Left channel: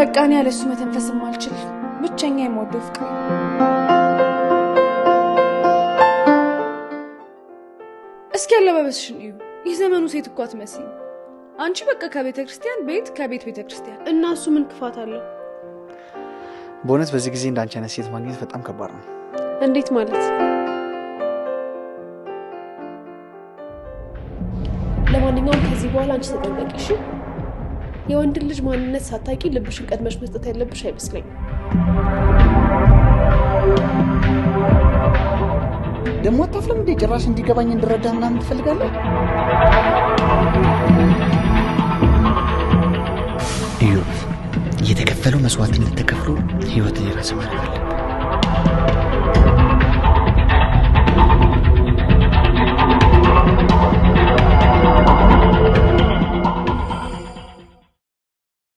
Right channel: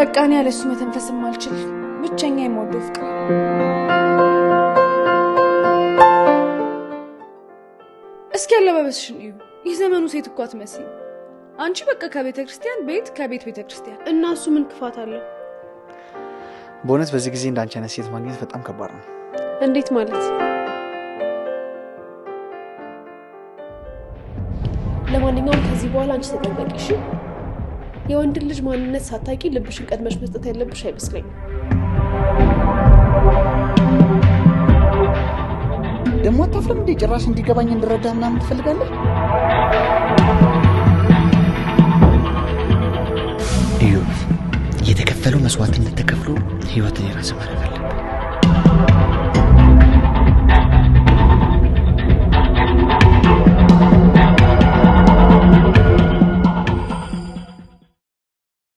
በቃ እኔ ያለሱ መተንፈስም አልችል ብቸኛ የምወደው ፍቅር እስኪ ያለበበስሽን እዩ የዘመኑ ሴት እኮ አትመስይም አንቺ በቃ ከቤተ ክርስቲያን ቤት ከቤት ቤተ ክርስቲያን እና እሱ ምን ክፋት አለው በእውነት በዚህ ጊዜ እንዳንቺ አይነት ሴት ማግኘት በጣም ከባድ ነው እንዴት ማለት ለማንኛውም ከዚህ በኋላ አንቺ ተጠንቀቂ እሺ የወንድ ልጅ ማንነት ሳታቂ ልብሽን ቀድመሽ መስጠት ያለብሽ አይመስለኝም ደሞ አታፍለም እንዴ ጭራሽ እንዲገባኝ እንድረዳና ምን ትፈልጋለህ እዩ የተከፈለው መስዋዕትነት ተከፍሎ ህይወትን የራስ ማድረግ